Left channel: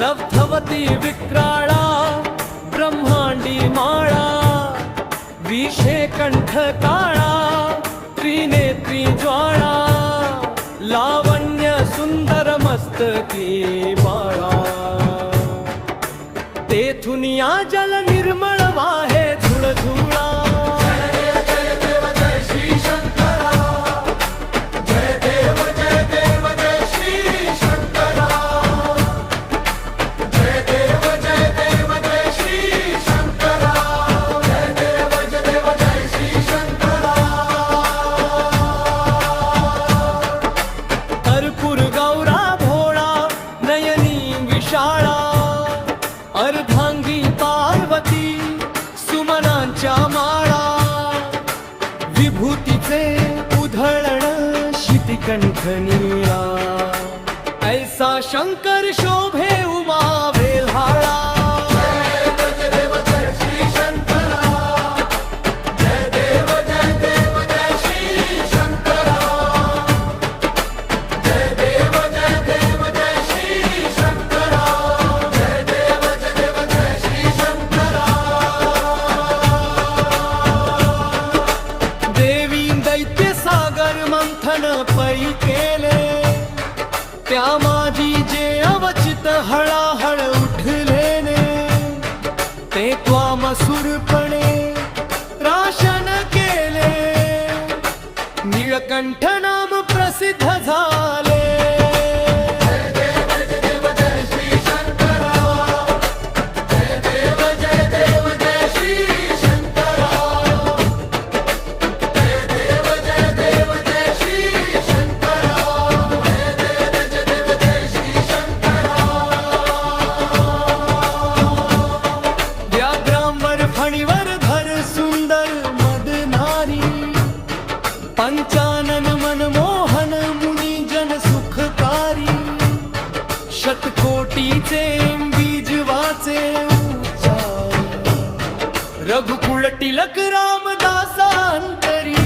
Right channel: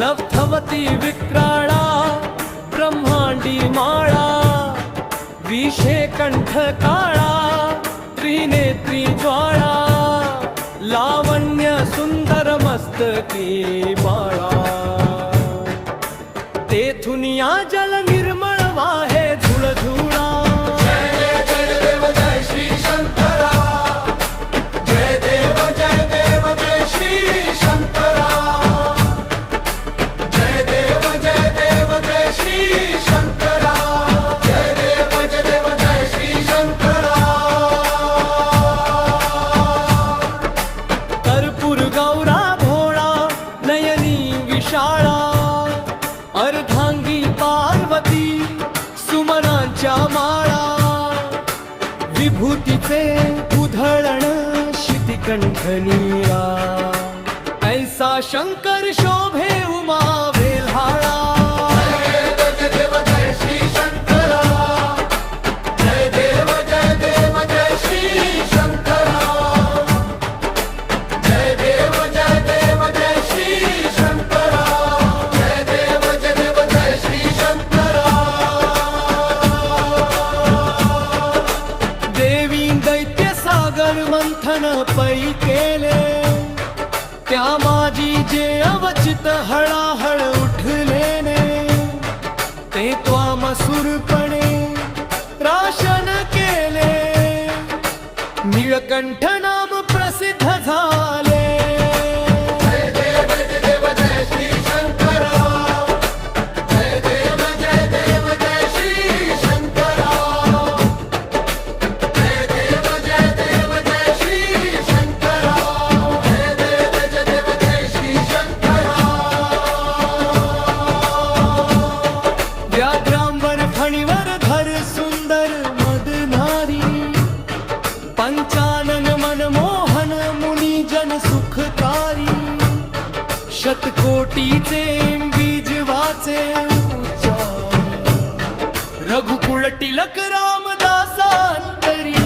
लब्धवती विक्राळा ब्रह्मांडी माळा, विषे कंठ काळा त्रिनेत्री ज्वाळा, लावण्य सुंदर मस्तकी बाळा, तेथून या जल निर्मळ वाहे झुळझुळा। कर्पूर गौरा भोळा नयनी विशाळा, अर्धांगी पार्वती सुमनांच्या माळा, विभूतीचे उधळण शितिकंठ नीळा, ऐसा शंकर शोभे उमा वेल्हाळा। दैत्य सागर मंथन पै केले, त्या माझी जे अवचित हळाहळ उठलेने, ते त्वामसुरपणे राशन केले, नीळकंठ नाम प्रसिद्ध झाले। व्याघ्रांवर फणीवर धर सुंदर मदनारी, पंचानन मनमोहन मुनी जन सुखकारी, शतकोटीचे बीज वाचे उच्चारी, रघुकुळ टिलक रामदासांतरी।